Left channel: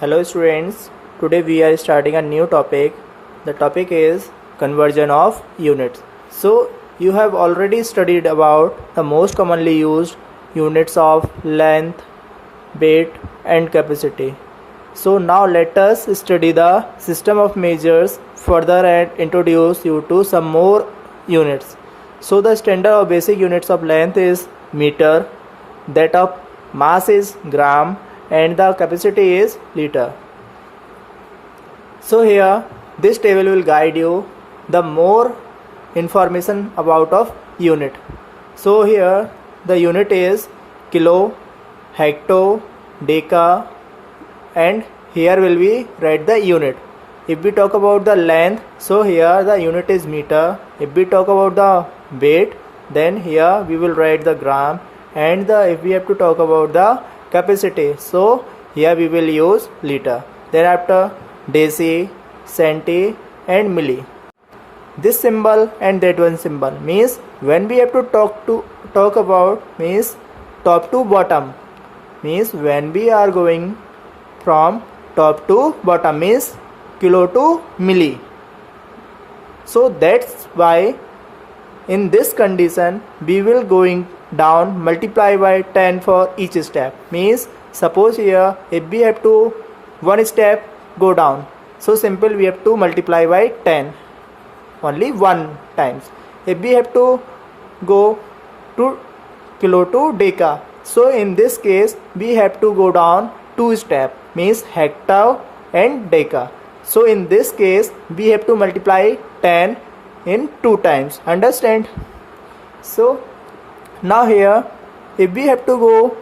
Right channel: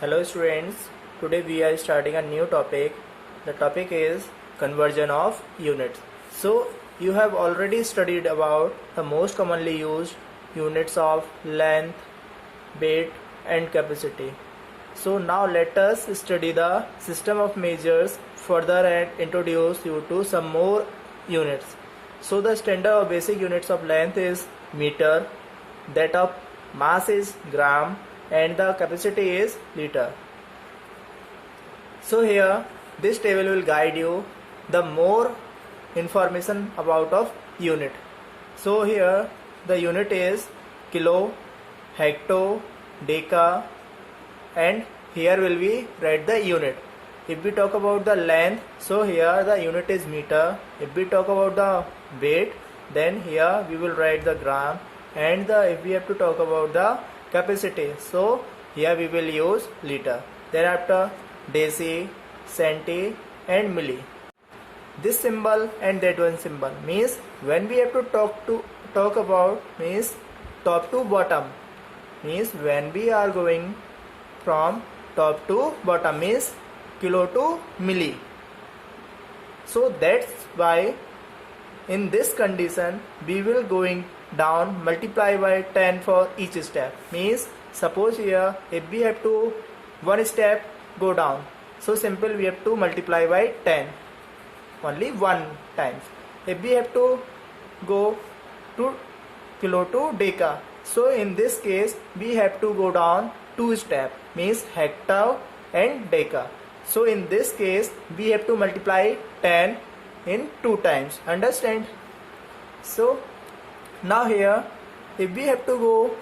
Hello students, today we are starting a new topic. The topic is conversion of units. So you have already studied about the most commonly used units of length, weight and capacity. So now let us study the system of measures further and introduce you to some more units. So the standard or basic units of length is meter, that of mass is gram and the capacity is liter. So here this table will guide you the more information about of unit. So here the unit is kilo, hecto, deca and here will be write the unit. If we talk about the length, so here the unit is meter. If we talk about the weight, then here we will write the gram, and if we have to talk about the capacity, so here we will use liter. Then after deci, centi and milli. This symbol and that one symbol means when we have to talk about means top to bottom, means when we are going from top to bottom means kilo to milli. So that's why in this condition we will going down multiply by 10 for each step. Means suppose here if we have to one step go down, so simple we have to multiply by 10 only one times. If we have to go to kilo to deca, so in this case we have to go down two step means hecto and deca. So in this case we have to multiply 10 in two times. Understand? So now here if we have to go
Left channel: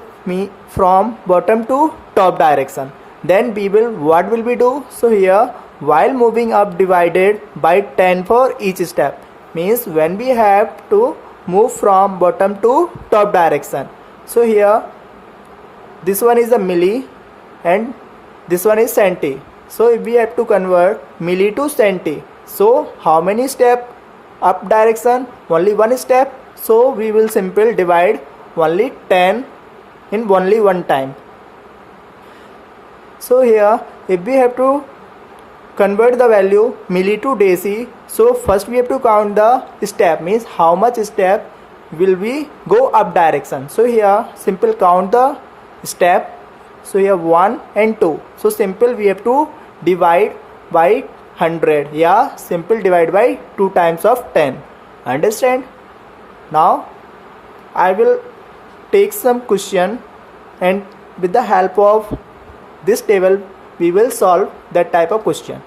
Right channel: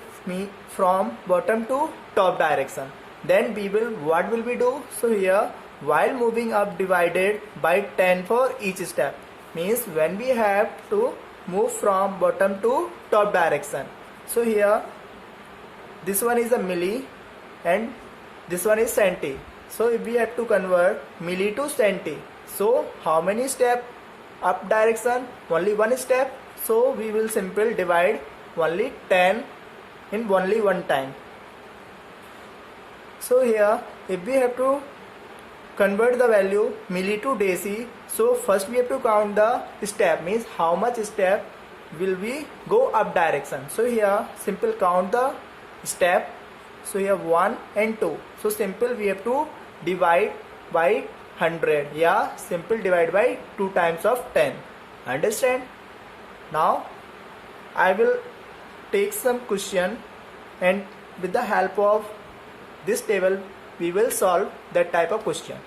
from bottom to top direction, then we will what will we do? So here while moving up divided by 10 for each step, means when we have to move from bottom to top direction. So here this one is a milli and this one is centi. So if we have to convert milli to centi, so how many step up direction? Only one step. So we will simply divide only 10 in only one time. So here if we have to convert the value milli to deci, so first we have to count the step, means how much step will we go up direction. So here simple count the step. So here 1 and 2. So simple we have to divide by 100. Yeah, simple divide by 2 times of 10. Understand? Now I will take some question and with the help of this table we will solve that type of question.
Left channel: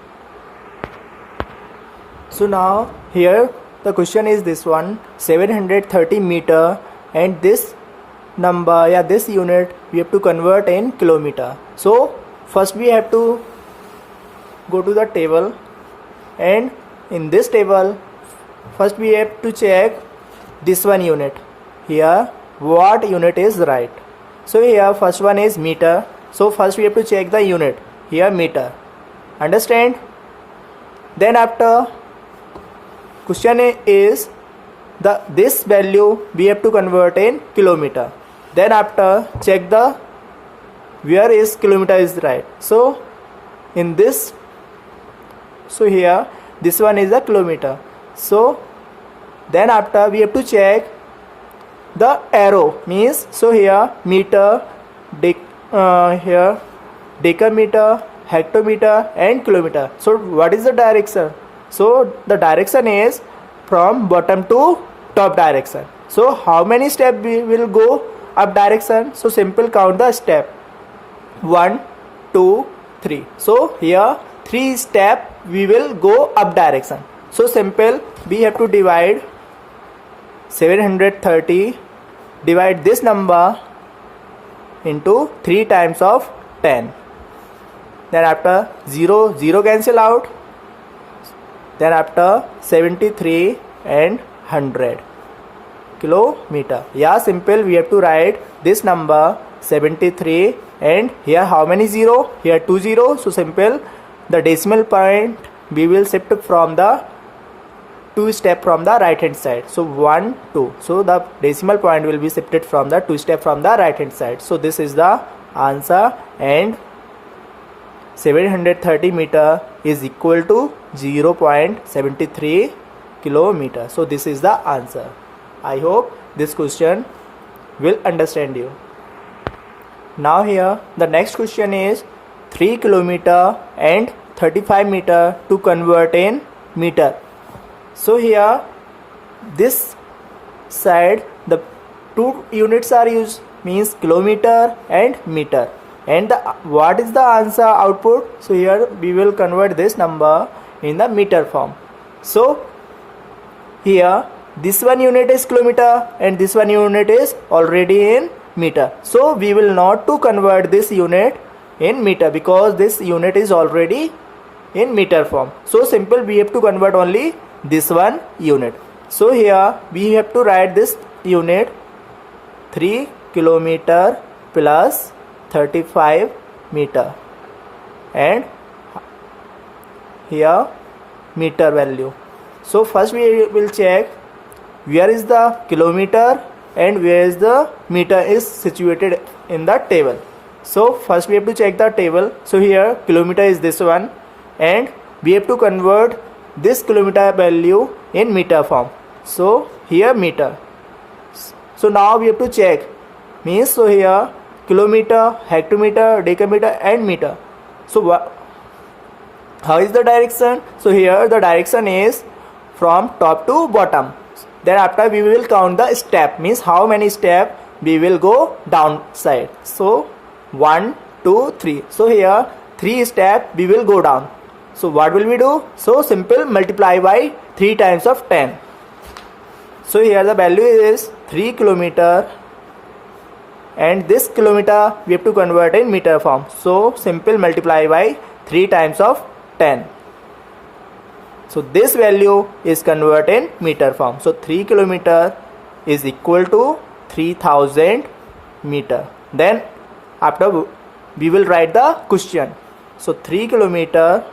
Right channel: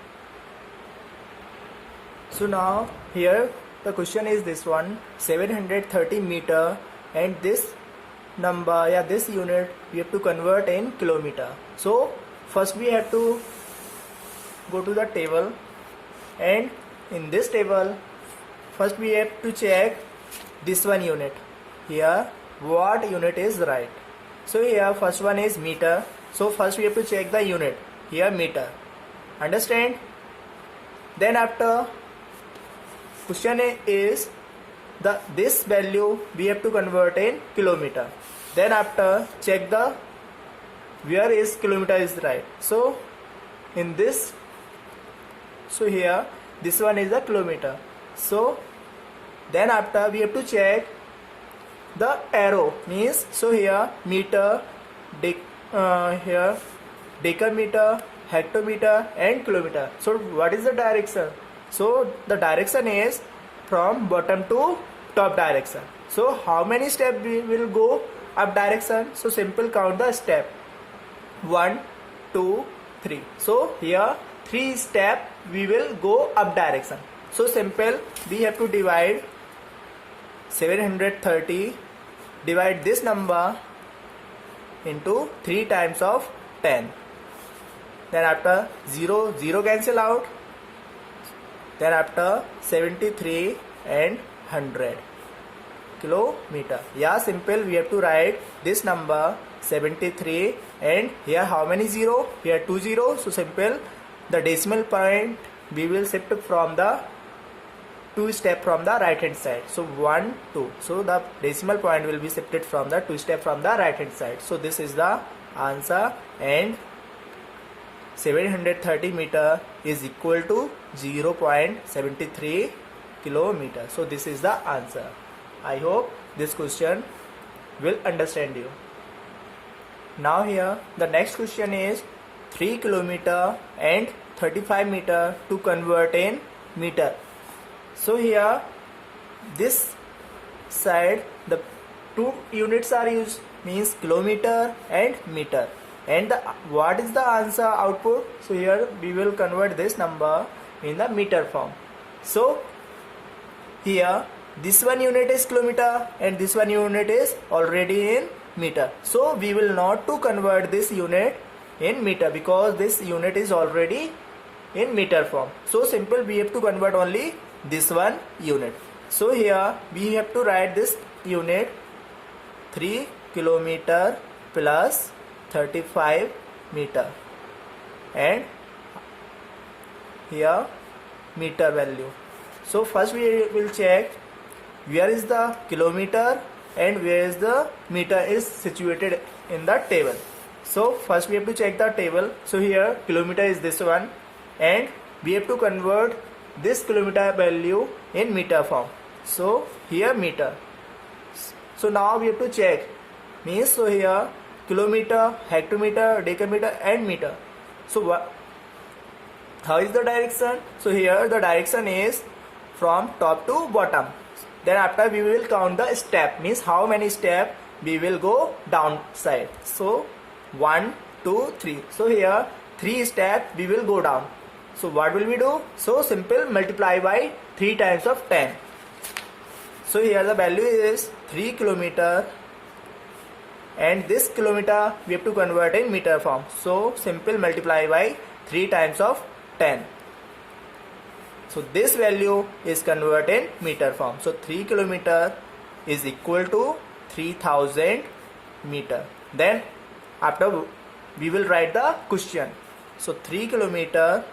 So now here the question is this one, 730 meter, and this number, this unit we have to convert in kilometer. So first we have to go to the table, and in this table first we have to check this one unit. Here what unit is right. So here first one is meter. So first we have to check the unit. Here meter. Understand? Then after question is this value we have to convert in kilometer. Then after check the where is kilometer is right. So in this, so here this one is a kilometer. So then after we have to check the arrow, means so here meter, here decameter, hectometer and kilometer. So what is the direction? So the direction is from bottom to top direction. So how many steps we will go up direction? So simple count the step 1, 2, 3. So here 3 step we will go up direction. So simple we have to divide 730, divide this number into 3 times of 10. Then after 0 cancel out. Then after 73 and 100 kilometer. Yeah, simple we have to write this number 73 and here how many 0? Here 2 0. So simple the decimal point we will shift from the 2 step from the right hand side. So 1 2. So the decimal point will be shifted from the 2 step from the right hand side. So this is the answer, and 730 meter is equal to 0.73 kilometer. So this is the answer. I hope this question will understand you. Now here the next question is 3 kilometer and 35 meter to convert in meter. So here this side the two units are used, means kilometer and meter, and what is the answer output? So here we will convert this number in the meter form. So here this one unit is kilometer and this one unit is already in meter, so we will not to convert this unit in meter because this unit is already in meter form. So simple, we have to convert only this one unit. So here we have to write this unit 3 kilometer plus 35 meter, and here meter value. So first we will check where is the kilometer and where is the meter is situated in the table. So first we have to check the table. So here kilometer is this one, and we have to convert this kilometer value in meter form. So here meter. So now we have to check, means so here kilometer, hectometer, decameter and meter. So how is the direction? So here the direction is from top to bottom. Then after we will count the step, means how many step we will go down side. So 1, 2, 3. So here 3 step we will go down. So what will we do? So simple, multiply by 3 times of 10. So here the value is 3 kilometer, and this kilometer we have to convert in meter form. So simple, multiply by 3 times of 10. So this value is converted in meter form. So 3 kilometer is equal to 3000 meter. Then after we will write the question. So 3 kilometer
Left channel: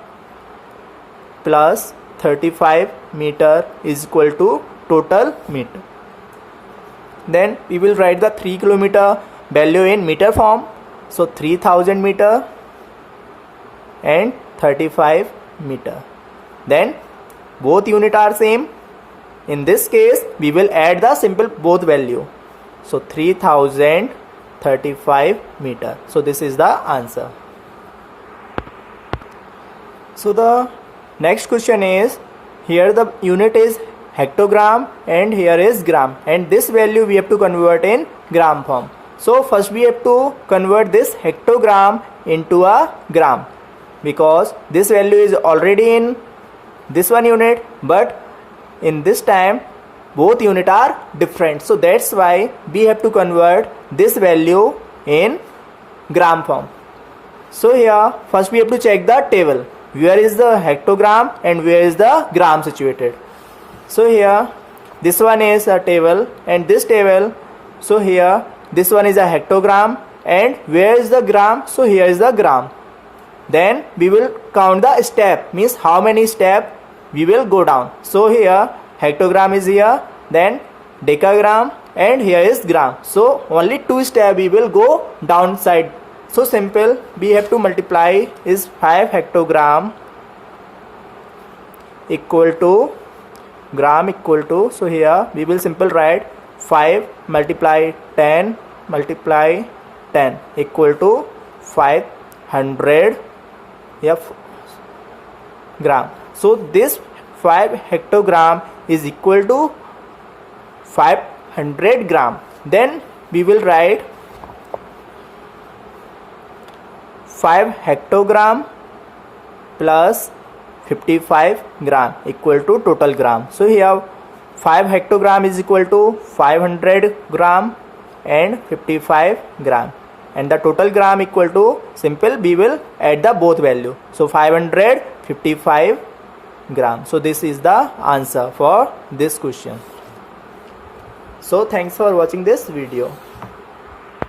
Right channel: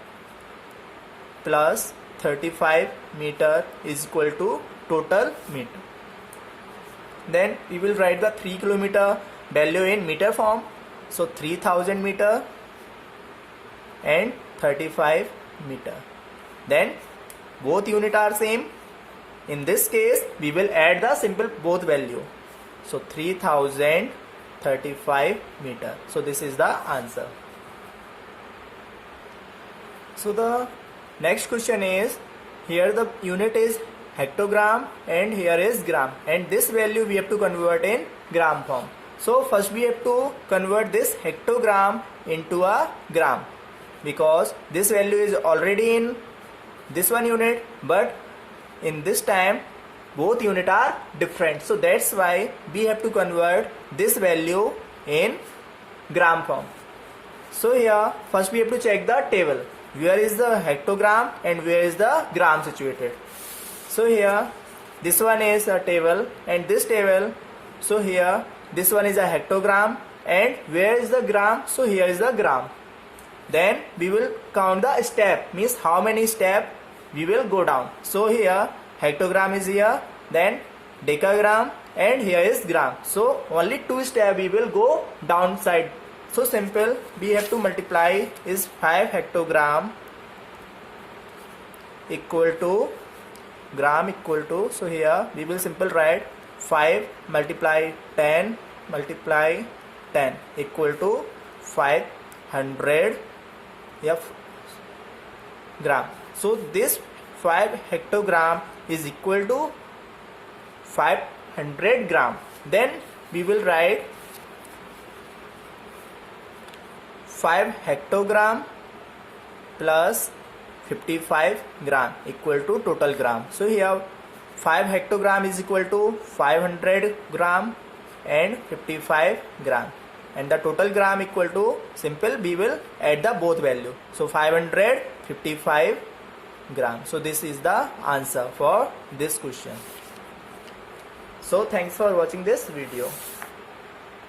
plus 35 meter is equal to total meter. Then we will write the 3 kilometer value in meter form. So 3000 meter and 35 meter. Then both unit are same. In this case we will add the simple both value. So 3035 meter. So this is the answer. So the next question is, here the unit is hectogram and here is gram, and this value we have to convert in gram form. So first we have to convert this hectogram into a gram, because this value is already in this one unit, but in this time both unit are different. So that's why we have to convert this value in gram form. So here first we have to check the table, where is the hectogram and where is the gram situated. So here this one is a table and this table. So here this one is a hectogram, and where is the gram? So here is the gram. Then we will count the step, means how many step we will go down. So here hectogram is here, then decagram, and here is gram. So only 2 step we will go downside. So simple, we have to multiply is 5 hectogram equal to gram equal to, so here we will simple write 5 multiply 10 multiply 10 equal to 500 gram. So this 5 hectogram is equal to 500 gram. Then we will write 5 hectogram plus 55 gram equal to total gram. So here 5 hectogram is equal to 500 gram and 55 gram, and the total gram equal to, simple, we will add the both value. So 555 gram. So this is the answer for this question. So thanks for watching this video.